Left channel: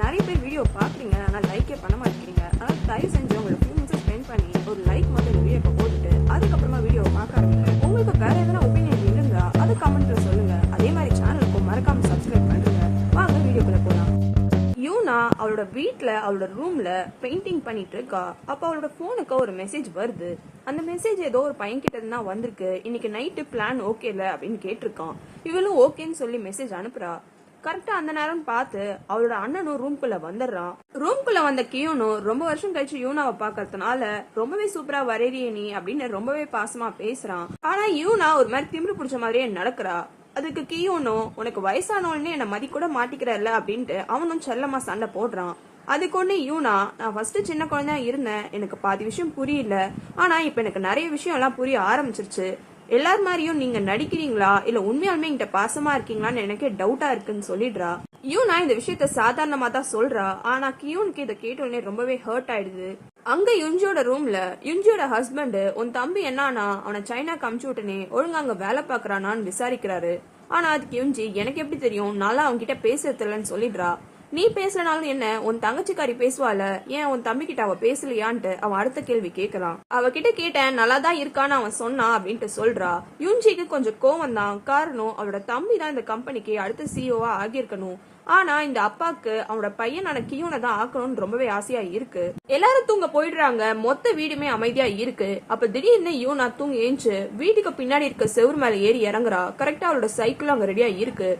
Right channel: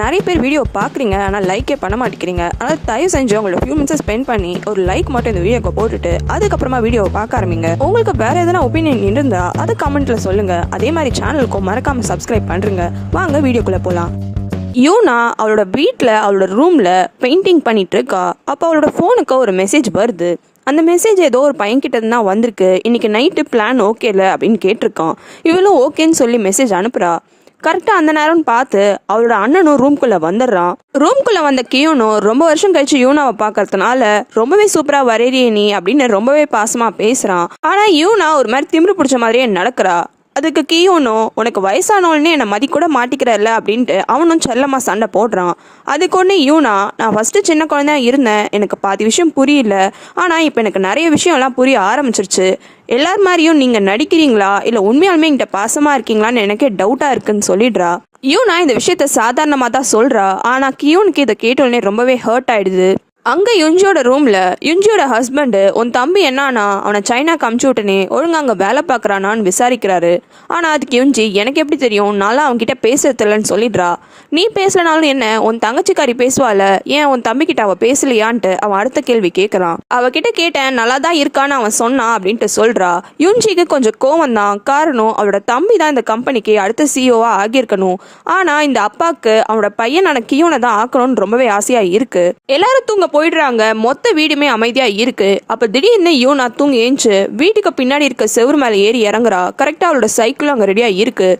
நிறைய பேர் வீடியோ பார்க்குறீங்க, ஆனால் லைக்கே பண்ண மாட்டேங்கிறீங்க. ஆனால் தயவு செஞ்சு உங்களோட ஃபியூ மினிட்ஸ் ஸ்பெண்ட் பண்ணி ஒரு லைக் மட்டும் இந்த வீடியோக்கு போட்டுட்டு அதுக்கப்புறமா வீடியோவை பார்க்க ஆரம்பிங்க. உங்களுக்கு வேற எதனா ஒப்பீனியன் இருந்தால் அதை கமெண்ட்ல சொல்லுங்க. அதே மாதிரி சேனலுக்கும் மறக்காம சப்ஸ்கிரைப் பண்ணுங்க. வாங்க வீடியோக்குள்ள போகலாம். யூனா அவளோட வீட்டில் அவளோட ரூமில் பெயிண்டிங் பண்ணிட்டு இருக்கா. அப்போ அவளோட ஃபோனுக்கு ஒரு மெசேஜ் வருது. அந்த மெசேஜ் ஏதோ ஒரு பையன்கிட்ட தான் வந்திருக்கு. இன்னைக்கு நைட்டு பிளான் ஓகேல அப்படின்னு கேட்டிருக்கான். இவளும் ஓகேன்னு சொல்லி மெசேஜ் அனுப்புறா. கரெக்டாக அந்த நேரம்னு பார்த்து அவளோட அண்ணனும் ரூம்குள்ளே வந்துடுறான். ரூம்குள்ளே வந்த கியூனும் ரொம்ப வருஷம் கழிச்சு யூனாவை பார்க்கறதுனால ரொம்பவே சூப்பராக வரையறிய நீ அப்படின்னு ரொம்பவே பாசமாக பேசுகிறான். ஆனால் யூனா ஒரு மாதிரி திமிரு பிடிச்ச மாதிரியே நடக்கிறா. அதுக்கு கியூனும் உனக்கு வயசானவனே என்னை மதி கூட மாட்டிக்கிறல்ல அப்படின்ட்டு அவனும் செல்லமாக சண்டை போடுறான். அதுக்கு ஒன்று யூனா, நான் ஃபஸ்ட்டு சின்ன குழந்தையா இருந்தேன், எனக்கு பாதி விஷயம் புரியல, ஆனால் இப்போ எனக்கு நிறைய விஷயம்லாம் புரிய ஆரம்பிச்சிருச்சு. எல்லார் மாதிரியும் நீங்கள் நடிக்கிறீங்களா இல்லை உண்மையாலுமே என்கிட்ட பாசமாக இருக்கீங்களான்னு எனக்கே டவுட்டாக இருக்குன்னு சொல்லிடுறா. யூனா இந்த விஷயத்த சாதாரணமாக தான் சொல்கிறா. ஆனால் கியூனுக்கு இதை கேட்டோடனே ரொம்பவே ஹர்ட் ஆயிடுது. அங்கே யுஞ்சியோட ரூமில் யுஞ்சியோட ஹஸ்பண்டு உன் தம்பி என்னானா அவனை சைனாக்கு அமுச்சு விட்டனே ஒழுங்கு அங்கே வேலை பார்க்குறானான்னு விசாரிக்கிறாரு. ஆனால் அதுக்கு யுஞ்சி எனக்கு எப்படி தெரியும், நான்லாம் அவன்கிட்ட பேசுறதில்லன்னு சொல்லிடுறா. நீ பேசலனாலும் என்ன, உன் தங்கச்சிக்காரி பேசுவாள், ஏன் உன் தம்பிக்கிட்ட அவள் பேசலையான்ட்டு அவன் அடுத்த கேள்வி கேட்குறான். அவகிட்ட கேட்டேன், நல்லா தான் இருக்கான்னு அவன் சொன்னான் அப்படின்ட்டு சொல்கிறா. யுஞ்சிக்கு கொஞ்சம் கோவம் தான். காரணம் அவளோட தம்பி தான் இந்த கம்பெனிக்கு அடுத்த சிஇஓவா ஆகியிருக்கணும். ஆனால் இந்த அப்பாவுக்கு அவனோட பையனான கியூனை தான் ஆக்கணும்னு ரொம்பவே ஆசையாக இருக்கு. எல்லாரும் தூங்க போயிடுறாங்க. மொத்த வீடுமே அமைதியா இருக்கு. அப்ப திடீர்னு யூனா தூங்கி ஏஞ்சு வீட்டுக்கு பின்னாடி இருக்க செவுரு மேல ஏறி இறங்குறா. கரெக்டா அவளோட சைக்கிளும் அங்க ரெடியா இருக்கு.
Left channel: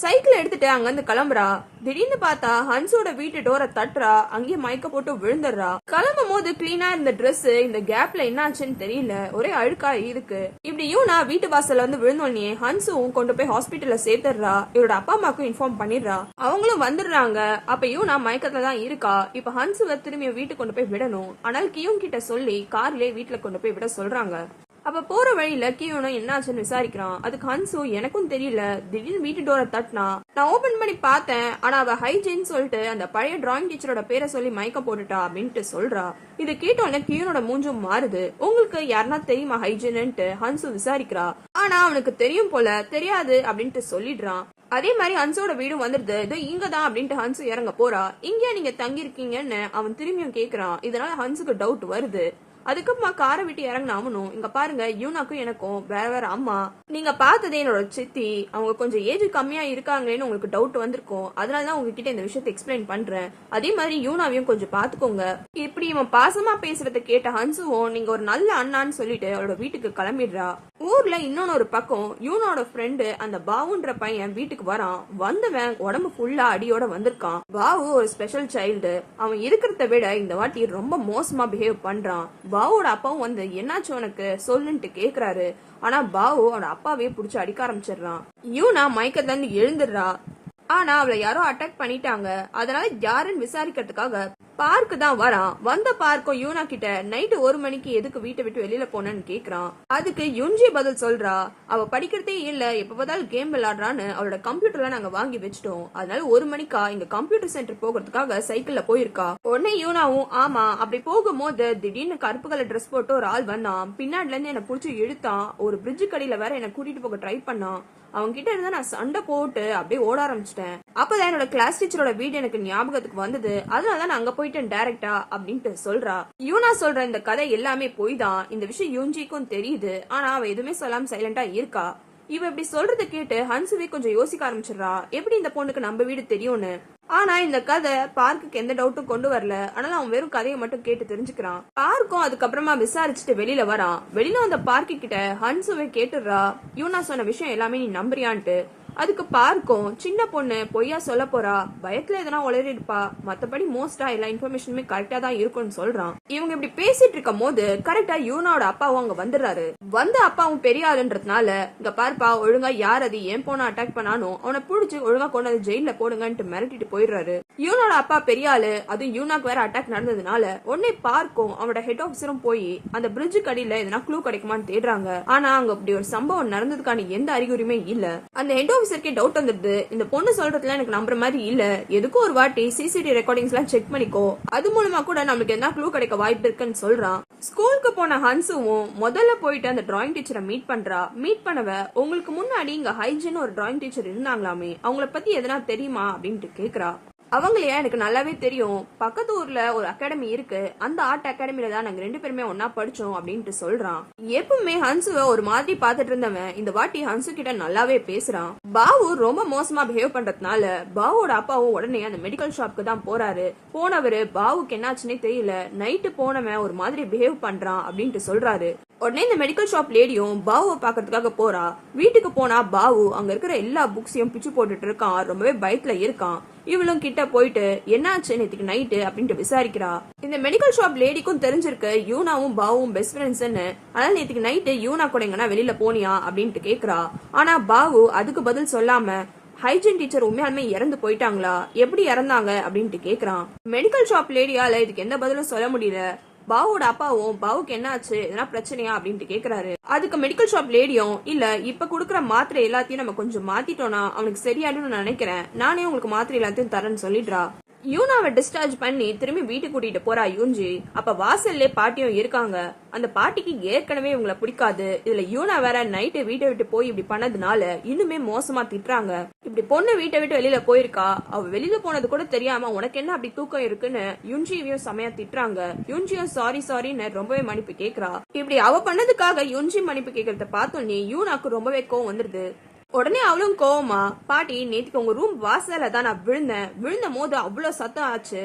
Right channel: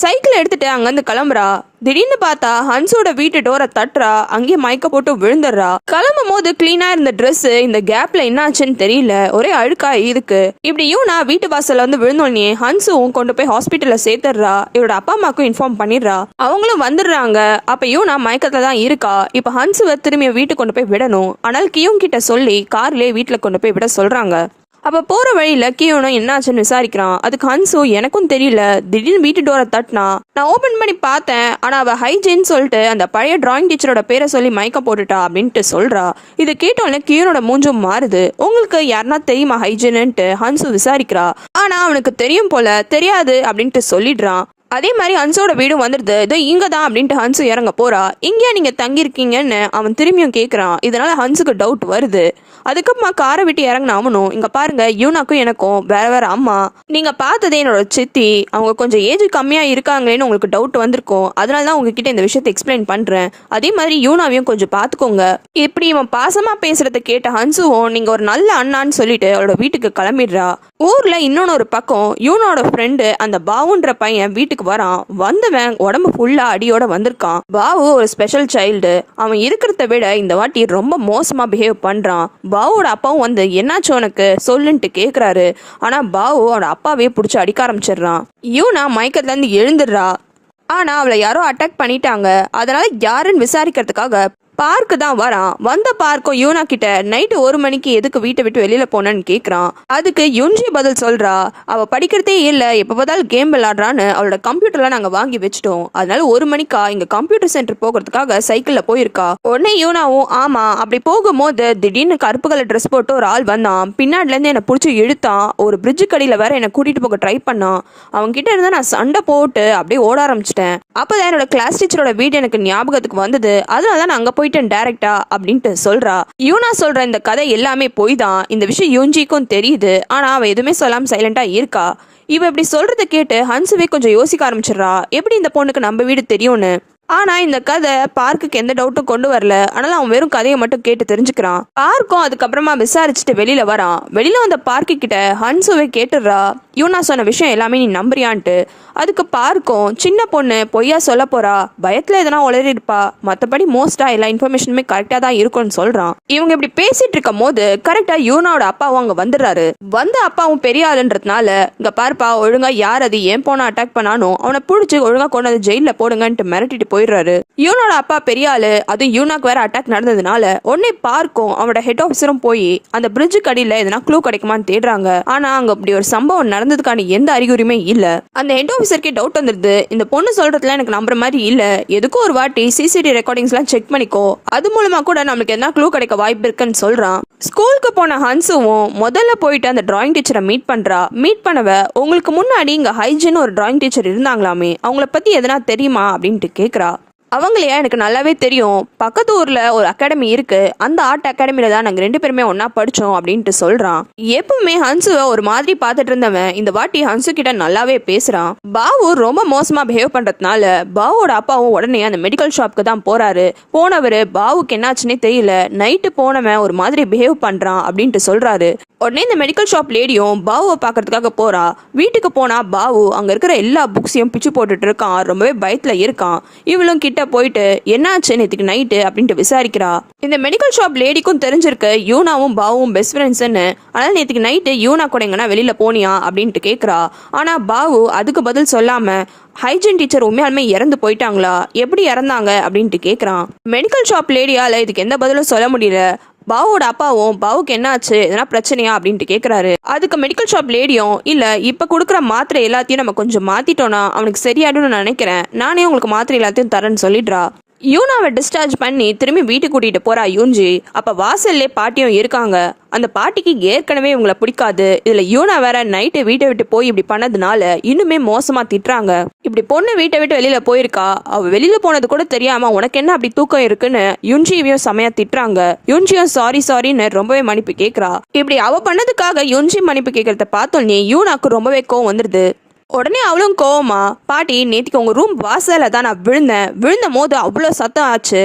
சைக்கிள் எடுத்துட்டு அங்கிருந்து கிளம்புறா. திடீர்னு பார்த்தா ஹன்ஸோட வீட்டு டோரை தட்டுறா. அங்கேயே மயக்க போட்டு விழுந்துடுறா. கிளம்பும் போது கிளீனா இருந்த ட்ரெஸ் இந்த கேப்ல என்னாச்சுன்னு தெரியல, ஒரே அழுக்கா இருக்கு. இப்படி யூனா வீட்டு வாசல்ல வந்து விழுந்தோடனே ஹன்ஸும் கொண்டு போய் ஹாஸ்பிட்டல்ல சேர்த்துடுறா. இவரோட அப்பா அம்மாக்கும் இன்ஃபார்ம் பண்ணிடுறா. அவங்களும் வந்துடுறாங்க. அப்ப யூனா மயக்கத்துல தான் இருக்கா. இப்ப ஹன்ஸுவை திரும்பி வீட்டுக்கு கொண்டு போய் விடணும். ஆனால் கியூன் கிட்ட சொல்லி கார்லயே வீட்டுல கொண்டு போய் விட சொல்றாங்க. அப்போ போகிற வழியில் கியூனும் என்னாச்சுன்னு விசாரிக்கிறான். அதுக்கு ஹன்ஸு எனக்கும் தெரியல, திடீர்னு வீட்டு டோரை தட்டினா, நான் ஓப்பன் பண்ணி பார்த்தேன், ஆனால் அவள் ஹைஜீன்னு சொல்லிட்டு அந்த பழைய டிராயிங் டீச்சரோட பேரை சொல்லி மயக்க போட்டுட்டா அப்படின்ட்டு சொல்கிறா. இது கேட்டோன்னே கியூனோட மூஞ்சும் மாறுது. உங்களுக்கு யாருன்னா தெரியுமா ஹைஜீன்ட்டு ஹன்ஸு விசாரிக்கிறா. ஆனால் அவனுக்கு தெரியும் போல, தெரியாது அப்படின்ட்டு சொல்லிடுறான். அதே மாதிரி ஹன்ஸோட வீடும் வந்துடுது. இதோ இங்க தான் அப்படின்ட்டு ஹன்ஸு இறங்க போறா. இங்கேயா நீங்க தங்கியிருக்கீங்கன்னு அவன் திரும்பியும் கேட்குறான். இதனால ஹன்ஸுக்கு டவுட் வருது. அதுக்கப்புறமா காரை விட்டு இறங்கின அவனும், இங்க பாருங்க யூனாக்கும் எனக்கும் வேற வேற அம்மா, நீங்க பார்த்ததே என்னோட சித்தி, அவங்க கொஞ்சம் ஏஜ் கம்மியா இருக்காங்களேன்னு உங்களுக்கு டவுட் வந்திருக்கும். அதனால தான் உங்ககிட்ட இந்த விஷயத்தை எக்ஸ்பிளைன் பண்றேன். அதே மாதிரி யூனாவையும் கொஞ்சம் பார்த்துக்கோங்க. இப்படி இவன் பாசமா பேசுறத கேட்ட ஹன்ஸுவும் நீங்க ஒரு நல்ல அண்ணான்னு சொல்லிட்டு அவளோட வீட்டுக்கு கிளம்பிடுறா. ஊர்ல இன்னொன்னு ஒரு பக்கம் யூனோட ஃப்ரெண்டு அந்த பாவுன்ற பையன் வீட்டுக்கு வரான். வந்தவன் உடம்பு ஃபுல்லா அடியோட வந்திருக்கான். பாவு ஒரு ஸ்பெஷல் சைல்டு. அவன் இருக்கிறத விட இந்த வாட்டி ரொம்ப மோசமா பிஹேவ் பண்றான். பாவோட அப்பாவும் வந்து என்னாச்சு உனக்கு சொல்லுன்ட்டு கேக்குறாரு. ஆனா பாவு அவனோட அப்பாவே பிடிச்சி அடிக்க ஆரம்பிச்சிடுறான். யூனா மயக்கத்துல இருந்து எழுந்துடுறா. ஆனா அவளை யாரோ அட்டாக் பண்ணிட்டாங்க. அதனால யாருன்னு விசாரிக்கிறதுக்காக பார்க்கு தான் வரான். வந்த பார்க்கும் யூனா கிட்ட நைட்டு 1 மணிக்கு எதுக்கு வீட்டை விட்டு வெளியில போனன்னு கேக்குறான். அதுக்கு யுஞ்சி பதில் சொல்றா, அவ படிக்கிறதே இல்ல, எப்ப பார்த்தாலும் கேம் விளையாடுறான்னு அவளோட கம்ப்யூட்டர்ல நாங்க வாங்கி வச்சிட்டோம். அதனால 1 மணிக்கா இங்க கம்ப்யூட்டர் சென்டர் போகிறதுக்காக சைக்கிள்ல போயிருக்கா. உடனே யூனாவும் ஆமா. அப்படி போகும்போது திடீர்னு கருப்பு கலர் ட்ரெஸ் போட்டு ஒரு ஆள் வந்தான். பின்னாடில இருந்து என்ன பிடிச்சி இழுத்தான். ஒரு பிரிட்ஜு கடியில வேற என்ன கூட்டிட்டு போக ட்ரை பண்ணான். அவங்க கிட்ட இருந்தா நான் சண்டை போட்டு அப்படியே ஓட ஆரம்பிச்சிட்டேன். அப்பதான் என்னோட கிளாஸ் டீச்சரோட வீடு எனக்கு ஞாபகத்துக்கு வந்தது. அதனாலதான் நான் அங்க போயிட்டேன் டைரக்டா அப்படின்ட்டு சொல்றா. யூனா சொல்ற இந்த கதை எல்லாமே போய் தான். இந்த விஷயம் யூஞ்சிக்கும் தெரியுது. ஆனா அவ எதுவுமே சொல்லாம சைலண்டா இருக்கா. இவ இப்படி சொல்றத கேட்டு ஹன்ஸுவே கொஞ்சம் யோசிக்க ஆரம்பிச்சிடறா, எப்படி இந்த பொண்ணுக்கு நம்ம வீடு தெரியும்னு. ஆனா இந்த கதை பார்க்குக்கு எந்த டவுட்டும் கொண்டு வரல. ஆனாலும் அவன் வெறும் கதையை மட்டும் கேட்டு தெரிஞ்சுக்கிறான். பார்க்கும் அதுக்கப்புறமா விசாரிச்சுட்டு வெளியில வரான். வெளியில வந்த பார்க்கு கிட்ட ஹன்ஸுவே கேட்டுடுறா, யூனா சொன்ன விஷயம் எல்லாமே நீ நம்புறியான்ட்டு. அதுக்கு பார்க்கும் சின்ன பொண்ணு பொய்யா சொல்ல போறா, பயத்துல எதனா உளறி இருப்பா, மற்றபடி மோஸ்டா எல்லா இன்ஃபர்மேஷனுமே கரெக்டா தான் இருக்கும்னு சொல்றான். இவங்க இப்படி பேசிட்டு இருக்கும் போது கரெக்டா யூனாவோட அப்பாவும் அங்க வந்துடுறாரு. வந்த அப்பாவும் பெரிய ஆளுன்றதுனால இங்க பார்ப்பா, ஒழுங்கா யார் அது ஏன் போன அட்டாக் பண்ணானோ அவனை பிடிச்சி ஒழுங்கா கொண்டு வந்து ஜெயில போடுங்கன்ட்டு மிரட்டிட்டு போயிடுறாரு. யூனோட அப்பா பெரிய ஆளு, அதுவும் யூனாக்கு வேற அட்டாக் நடந்ததுனால உடனே பார்க்கும் அவனோட ஹெட் ஆஃபீஸரும் போய் அந்த பிரிட்ஜு கடியில எதனா க்ளூ கிடைக்குமான்னு தேடுறாங்க. ஆனா அங்க அப்படி ஒரு சம்பவம் நடந்ததுக்கான எந்த அறிகுறியுமே இல்ல. அந்த ஹெட் ஆஃபீஸருக்கே டவுட் வந்துருது, இந்த பொண்ணு சொல்றதுல எனக்கு நம்புற மாதிரி இல்ல, எதுக்கும் ஒரு வாட்டி சிசிடிவி ரெக்கார்டிங்ஸ் எல்லாம் செக் பண்ணிக்கோ, அது மூலமா கூட நமக்கு என்ன க்ளூ கிடைக்க வாய்ப்பு இருக்குன்னு சொல்றான். ஸ்கூலுக்கு போன ஹன்ஸுவும் முதல்ல போயிட்டு அந்த டிராயிங் டீச்சரை மீட் பண்றா. மீட் பண்ணவ, உங்களுக்கு முன்னாடி இங்க ஹைஜின் ஒரு டிராயிங் டீச்சர் இருந்தாங்களாமே, அவங்கள பத்தி எதனா தெரியுமா அப்படின்ட்டு கேக்குறா. அவங்களையா எனக்கு நல்லாவே தெரியும். பக்கத்து ஊர்ல ஒரு அகாடமி இருக்கு. அந்த ஆர்ட் அகாடமில தான் நாங்க 2 பேருமே ஒன்னா படிச்சோம் அப்படின்ட்டு சொல்றான். எப்பவுமே ஹன்சுவை ஒரு மாதிரி பார்த்துட்டு இருந்தவன் இந்த வாட்டி ஹன்சு கிட்ட நல்லாவே பேசுறான். பாவு ரொம்ப மோசமா பிஹேவ் பண்றதுனால பாவோட அப்பாவும் உடனே அந்த மெடிக்கல் ஷாப்க்கு தான் போறாரு. போனவரு பாவுக்கு என்னாச்சுன்னே தெரியல, நைட்டு போனவன் ஒரு மாதிரி பிஹேவ் பண்றான் அப்படின்ட்டு சொல்றாரு. உடனே இந்த மெடிக்கல் ஷாப் லேடியும் பாவுவை பாக்குறதுக்காக போறா. வீட்டுக்கு போனா பாவு அங்க இருக்கிற எல்லா புக்ஸையும் பிச்சு போட்டுட்டு இருக்கான். ரொம்பவே பயத்துல இருக்கான். இவளும் கிட்ட போயிட்டு என்னாச்சு நேற்றுக்கு நைட்டு அப்படின்ட்டு விசாரிக்கிறா. இந்த மெடிக்கல் ஷாப் லேடிக்கும் தெரிஞ்சிருக்கு யூனாவும் பாவும் பெஸ்ட் ஃப்ரெண்ட்ஸ்ன்னு. ஆனால் நேற்றுக்கு நைட்டு யூனா கூட எங்கன்னா வெளியில போனியா அப்படின்ட்டு கேட்குறா. ஆனா பாவு அதுக்கு பதில் சொல்லாம ஹைஜீன் டீச்சர் உண்மையாலுமே இறந்து போயிட்டாங்களா, எப்படி இறந்தாங்க அப்படின்ட்டு கேட்குறான். மெடிக்கல் ஷாப் லேடியால இதுக்கு எந்த பதிலும் சொல்ல முடியல. பாவோட அப்பாவும் பாவுக்கு என்னாச்சு, எதனா பிரச்சனையா அப்படின்ட்டு கேட்குறாரு. அதுக்கு மெடிக்கல் ஷாப் லேடியும் இல்லை இப்போ கொடுக்குற மாத்திரை எல்லாத்தையும் நம்ம கொஞ்சம் மாற்றிட்டோன்னா அவனுக்கு சரியாயிடும்னு நான் நினைக்கிறேன், நானே உங்களுக்கு மாத்திரை எல்லாத்தையும் தரேன்னு சொல்லிடுறா. யூனாவை டிஸ்சார்ஜ் பண்ணி திரும்பி வீட்டுக்கு கூட்டிட்டு போறா யூன்ஜி. அப்ப வாசல்லே பாட்டியும் இருக்காங்க. அந்த பாட்டிக்கு ஏற்கனவே இவங்களை பிடிக்காது. இதுல யூனா வேற நைட்டு வீட்டை விட்டு போய் இப்படி பண்ணதுனால இன்னுமே மோசமா திட்டுறாங்க. இப்படி பொண்ணு வீட்டை விட்டு வெளியில போயிருக்கா, அவ வெளியில போனது கூட தெரியாம உனக்கு என்ன அப்படி தூக்கம் இருக்குன்னு யுன்ஜியும் செமையா திட்டுறாங்க. யுன்ஜியும் சாரின்னு ரொம்பவே மன்னிப்பு கேட்கறா. இப்படி அவ பண்ணதுக்காக யுன்ஜி மன்னிப்பு கேட்கறத பார்த்தோன்னே யூனாக்கு ரொம்பவே கோவம் வந்துருது. உடனே அவளும் கோவமா, பாட்டி நேற்றுக்கு உங்க ரூம் வாசல தான் நான் விழுந்த போது அவ்வளோ சத்தம் ஆச்சு,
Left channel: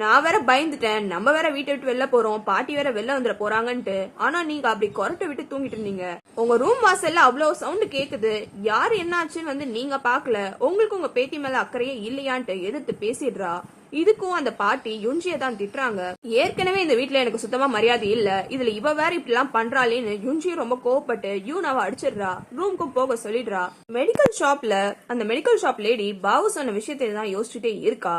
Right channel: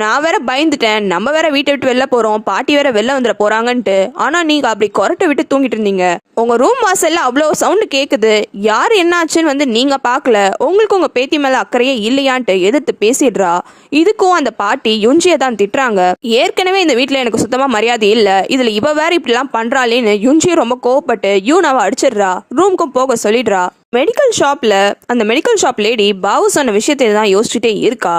நான் வேற பயந்துட்டேன், நம்ம வேற வீட்டை விட்டு வெளில போறோம், பாட்டி வேற வெளில வந்துட போறாங்கன்ட்டு. ஆனா நீங்க அப்படி கொரட்டை விட்டு தூங்கிட்டு இருந்தீங்க. உங்க ரூம் வாசல்ல அவ்வளோ சவுண்டு கேக்குது, யாரு என்ன ஆச்சுன்னு வந்து நீங்க பாக்கல, உங்களுக்கு உங்க பேத்தி மேல அக்கறையே இல்லையான்ட்டு எதிர்த்து பேசிடுறா. இதுக்கும் அந்த பாட்டி யுன்ஜியை தான் திட்டுறாங்க. ஏற்கனவே இந்த வீட்டுல எனக்கு சுத்தமா மரியாதை இல்ல, இதுல இவ வேற இப்படி எல்லாம் பண்றாளேன்னு யுன்ஜியை ரொம்ப கோவப்பட்டு யூனாவை அடிச்சிடுறா. ரூமுக்கும் போக சொல்லிடுறா. மெடிக்கல் ஷாப்ல அந்த மெடிக்கல் ஷாப் லேடி பாவு சொன்ன விஷயத்தை தான் யோசிச்சுட்டே இருக்கா.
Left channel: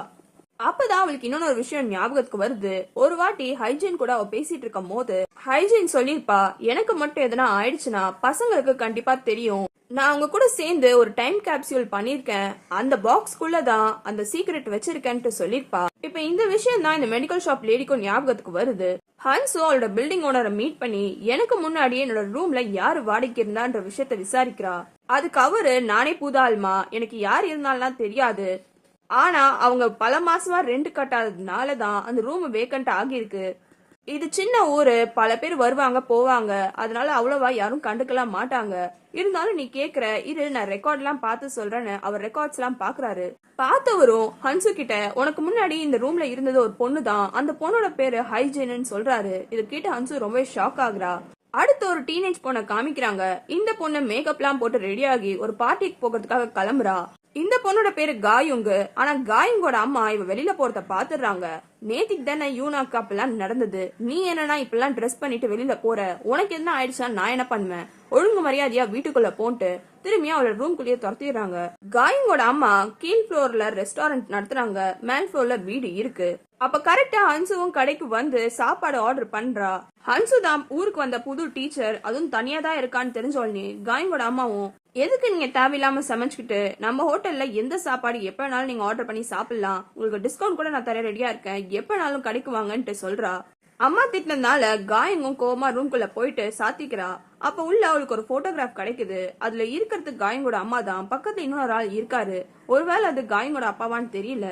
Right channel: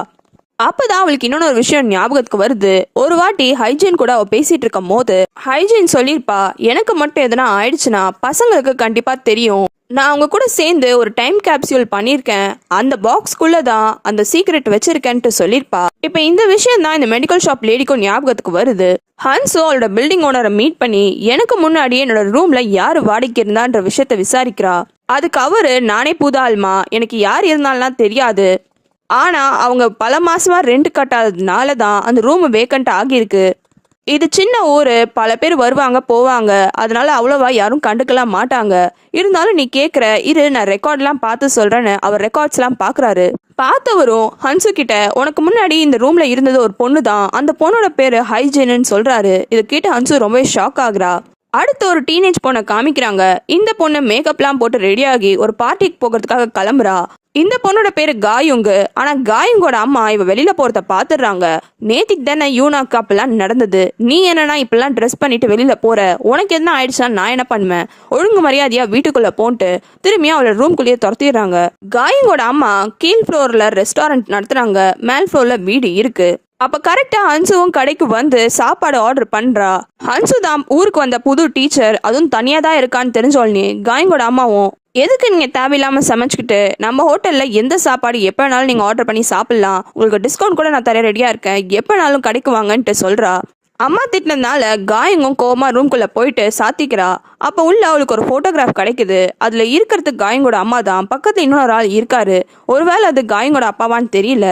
அப்பதான் அவளுக்கு இன்னொரு விஷயம் ஞாபகத்துக்கு வருது. ஒரு வாட்டி ஹைஜீன் கூட அவ பேசிட்டு இருக்கும் போது ஹைஜீன் சொல்லிருப்பா, எனக்கு மட்டும் எதனா ஆயிடுச்சுன்னா பசங்களுக்கு கண்டிப்பா தெரியும், நான் அவங்க கூட சேர்ந்து ஒரு டைம் கேப்சியூல் பண்ணிருக்கேன், அந்த பாக்ஸ்குள்ள தான் அந்த சீக்ரெட் வச்சிருக்கேன்ட்டு சொல்லிருப்பா. இப்ப இந்த விஷயம் தான் இந்த மெடிக்கல் ஷாப் லேடிக்கும் ஞாபகத்துக்கு வருது. ஹன்சோ அவளோட பில்டிங் ஓனரை மீட் பண்ணி எனக்கு முன்னாடி என்னோட ரூம்ல யாரு வாடகைக்கு இருந்தான்ற விஷயத்த விசாரிக்கிறா. அதுக்கு அவரு, நானே புது ஆள்மா, எனக்கு யார் இருந்தாலும் தெரியாது, ஆனா அவங்க பல மாசமா ரெண்ட் கட்டாததுனால தான் அந்த ரூம் வேக்கண்ட் ஆகியிருக்கு, இது சின்ன ஊரு, பல பேர் வருவாங்க போவாங்க, அதனால அவ்வளவா யாரும் கண்டுக்கலாம் மாட்டாங்க, இருந்தாலும் நீ கேட்குற இரு நான் ரெக்கார்ட்லாம் பார்த்து சொல்றேன்னு அவர் ரெக்கார்ட்ஸ்லாம் பார்க்குறாரு. பார்த்தவரும் ஹன்சு கிட்ட, உனக்கு முன்னாடி இந்த ரூம்ல இருந்தது ஒரு பொண்ணு தான், அந்த பொண்ணோட பேரு ஹைஜீன்னு சொல்றாரு. இதை கேட்டு ஹன்சு ரொம்பவே ஷாக் ஆகுறா. அடுத்து ஒரு டீனேஜ் பொண்ணை காமிக்கிறாங்க. இந்த பொண்ணு மேக்கப்லாம் போட்டு ரெடியாகி ஒரு பார்ட்டிக்கு போகிறதுக்காக கிளம்புறா. இந்த பொண்ணோட பேரு காயுங்கு. ஆனா காயுங்கோட அம்மா இவ வெளியில போறத பாத்துடுறாங்க. நேத்திக்கு தானே யூனாக்கு அப்பெல்லாம் நடந்தது, நீ என்னன்னா இப்பெல்லாம் ட்ரெஸ் பண்ணிட்டு வெளியில போற, உனக்கு என்ன ஆயிடுச்சா, நான் என்ன பண்ணுவேன், ஒழுங்கு மரியாதையா வீட்டுக்குள்ள போன்ட்டு திரும்பியும் அவளோட ரூம்குள்ளேயே துரத்திடுறாங்க. காயுங்கோட அம்மா கீழ் ஃப்ளோர்ல ரெஸ்டாரண்ட் நடத்துறாங்க, மேல் ஃப்ளோர்ல வீடு இருக்கு. அப்ப கரெக்டா ஹன்சுவும் கடைக்கு வந்து சாப்பாடு ஆர்டர் பண்றா. ஹன்சு தான் ஊருக்கு வந்த புது டீச்சர், அதுவும் தனியா தான் இருக்கான்னு தெரிஞ்சோடனே காயங்கோட அம்மாவும், எதுக்கு நீங்க தேவையில்லாம சமைச்சுக்கிட்டு, நம்ம ஹோட்டல்ல எந்த சாப்பாடு எப்ப வேணாலும் நீங்க ஆர்டர் பண்ணி சாப்பிடலாம், உங்களுக்கு டிஸ்கவுண்ட் கூட நான் தர ரெடியா இருக்கேன், எப்ப வேணாலும் கடைக்கு வாங்கன்ட்டு சொல்றா. அம்மா திட்டினதுனால காயங்கும் கோவமா ரூம்குள்ள போயிட்டு சாத்திக்கிறா. அப்ப உள்ள அவளுக்கு ஒரு போட்டோகிராஃப் கிடைக்குது. அதுல இருக்கிறதுக்கு காயங்கோட அம்மா தான், பக்கத்துல இன்னொரு ஆள் இருக்காரு. ஒருவேளை அது காயங்கோட அப்பாவான்னு தெரியல.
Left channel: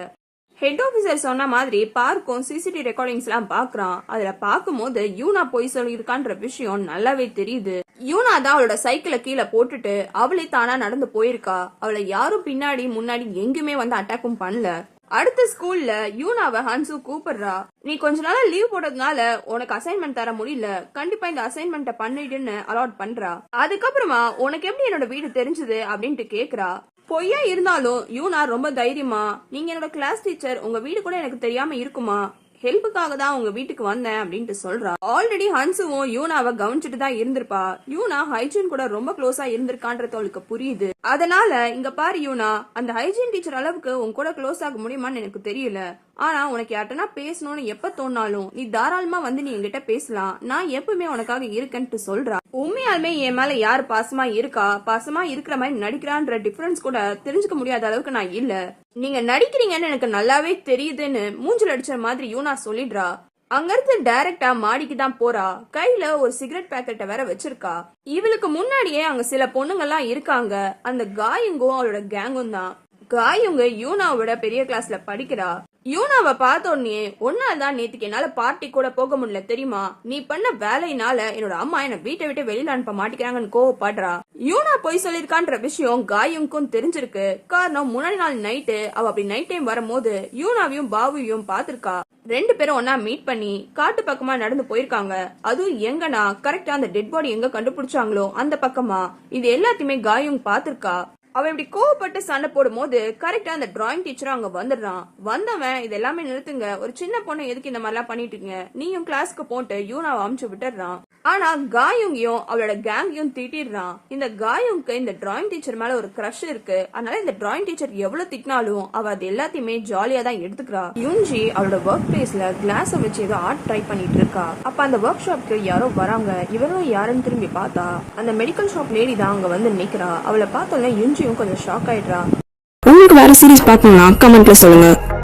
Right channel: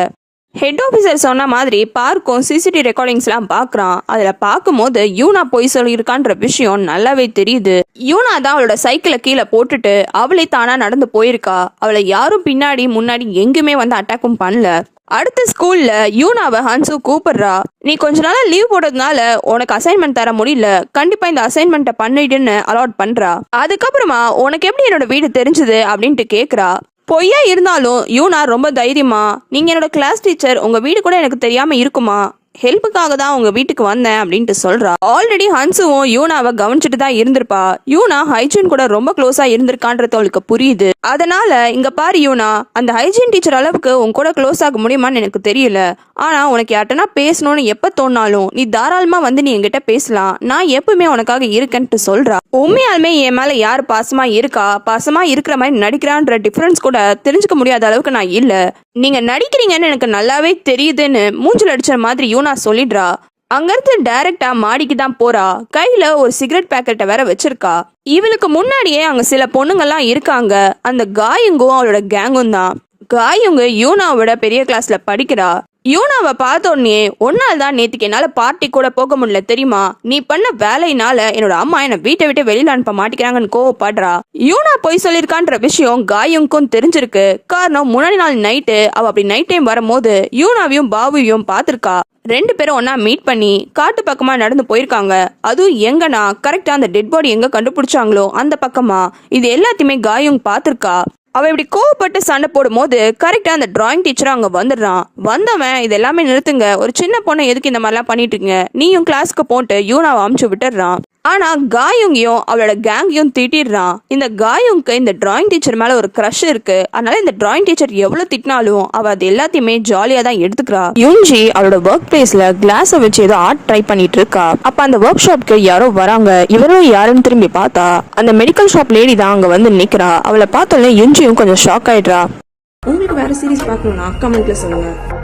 ஹெட் ஆஃபீஸர் சொன்ன மாதிரி பார்க்கும் சிசிடிவி ரெக்கார்டிங்ஸ்லாம் பார்க்குறான். அதில் பார்க்கும்போது யூனா போய் சொல்லியிருக்கான்ற விஷயம் நல்லாவே தெரியுது. யூனா தான் அவளோட சைக்கிளை கீழே போட்டுட்டு அவளை தானா நடந்து போயிருக்கா. அவளை யாரும் பின்னாடி முன்னாடி எங்குமே வந்து அட்டாக்கும் பண்ணல. அடுத்த ஸ்கூல்ல யூனாவை ஹன்சு கூப்பிடுறா. நீ கொஞ்ச நாள் லீவ் போடுறதுனால உனக்கு அசைன்மெண்ட் தர முடியல, கண்டிப்பா இந்த அசைன்மெண்ட்டை பண்ணிடுன்னு அலாட் பண்றா. அதுக்கப்புறமா உனக்கு எப்படி என்னோட வீடு தெரிஞ்சது அப்படின்ட்டு கேட்குறா. பொய்யா இருந்தாலும் யூனா ரொம்ப தைரியமா, நீங்க என்னோட கிளாஸ் டீச்சர், உங்க வீடு கூட எனக்கு தெரியாம இருக்குமா, ஹெல்ப்புக்காக தான் உங்க வீட்டுக்கு வந்தேன் அப்படின்ட்டு சொல்றா. ஆல்ரெடி ஹன்சுவும் யூனாவை கவனிச்சுட்டு தான் இருந்திருப்பா. யூனா ஹைஜீன் கூட ரொம்ப க்ளோஸா இருந்திருக்கான்றது அவளுக்கு புரியுது. அதனால இங்க பாரு யூனா, அந்த ஹைஜீன் டீச்சர் அளவுக்கு உன் கூட க்ளோஸ் ஆக முடியுமான்னு எனக்கு தெரியல, ஆனா உனக்கு யார்ட்டனா பேசணும்னு எப்ப தோணாலும் நீ தாராளமா வந்து நீ என்கிட்ட பேசலாம், நான் எப்பவுமே உனக்காக இருக்கேன்ட்டு சொல்றா. உண்மையாலுமே என் மேல யார் பாசமா இருக்கா, பாசமா இருக்கிற மாதிரி நடிக்கிறான்ற டிஃபரன்ஸ் கூட தெரிஞ்சுக்க முடியாத அளவுக்கு நான் இல்ல, நீங்க நடிக்கிறீங்கன்னு எனக்கு நல்லாவே தெரியுதுன்னு மூஞ்சில் அடிச்ச மாதிரி யூனா சொல்லிடுறா. அங்கிருந்து டைரக்டா மாடிக்கு தான் போறா. கையில ஒரு சிகரெட் பேக்கெட்டை வேற வச்சிருக்கா. இவளுக்கு முன்னாடியே அங்க சில பொண்ணுங்கெல்லாம் இருக்காங்க. அந்த காயங்கும் அவளோட கேங்கும் தான். காயுங்க யூனாவோட பெரிய கிளாஸ்ல படிக்கிறா. யூனாவை பார்த்த உடனே ஒன்னால் தான் நேத்துக்கு என்னால பார்ட்டி கூட போக முடியல தெரியுமா, நீ பண்ண வேலையினால என்னோட அம்மா என்ன வீட்டை விட்டு வெளியில அனுப்ப மாட்டேங்கிறாங்கன்னு கோவப்படுறா. யூனா போய் சொல்லியிருக்கான்ற விஷயம் காயுங்கும் தெரிஞ்சிருக்கு. காரணம் முன்னாடி நாள் நைட்டு அவ அப்படி நைட் டைம் வரும்போது யூனாவையும் பாபுவையும் பார்த்திருக்கா. 2 பேரும் ஒன்னா மீட் பண்ணி காட்டு பக்கமா நடந்து போயிருக்காங்க. அதுவும் எங்கன்னா கரெக்டா அந்த டெட் பாடி எங்க கண்டுபிடிச்சாங்களோ அந்த பக்கமா. இது எல்லாத்தையுமே காயுங் பார்த்திருக்கா. அவன் இப்படி கோவப்பட்டு சண்டை போடும் போது கரெக்டா அந்த டிராயிங் டீச்சர் அங்க வந்துடுறான். வந்தவன் இது எல்லாமே நிறுத்துங்க, ஒரு சின்ன பொண்ணை எதுக்கு இந்த மாதிரிலாம் பண்ணிட்டு இருக்கீங்க, நீயும் கிளாஸ்க்கு போட்டு யூனாவை அமுச்சு விட்டுடுறான். ஆனா காயுங்கையும் அவளோட கேங்கையும் திட்டிடுறான். இந்த காயுங்க்கு இந்த டிராயிங் டீச்சர் மேல ஒரு க்ரஷ் இருக்கு. அதனால இந்த டிராயிங் டீச்சர் எவ்வளவு திட்டினாலும் அவ அது எல்லாத்தையுமே ஜாலியா தான் எடுத்துக்கிறா. யுன்ஜி அவளோட ஒர்க் பிளேஸ்ல கிளாஸை வச்சு ஏதோ ஆர்ட் ட்ரை பண்ணிட்டு இருக்கா. அப்ப அந்த ஒர்க் ஷாப்க்கு யாரோ வராங்க. இவரும் யாருன்னு திரும்பி பார்த்தா அந்த மெடிக்கல் ஷாப் லேடி தான் அங்க வந்து நிக்கிறா. அவளை பார்த்தோன்னே யுன்ஜியும் கொஞ்சம் ஷாக் ஆயிடுறா. உங்களுக்கு வேற சீரிஸ் பார்க்கணும்னா கமெண்ட்ல சொல்லுங்க.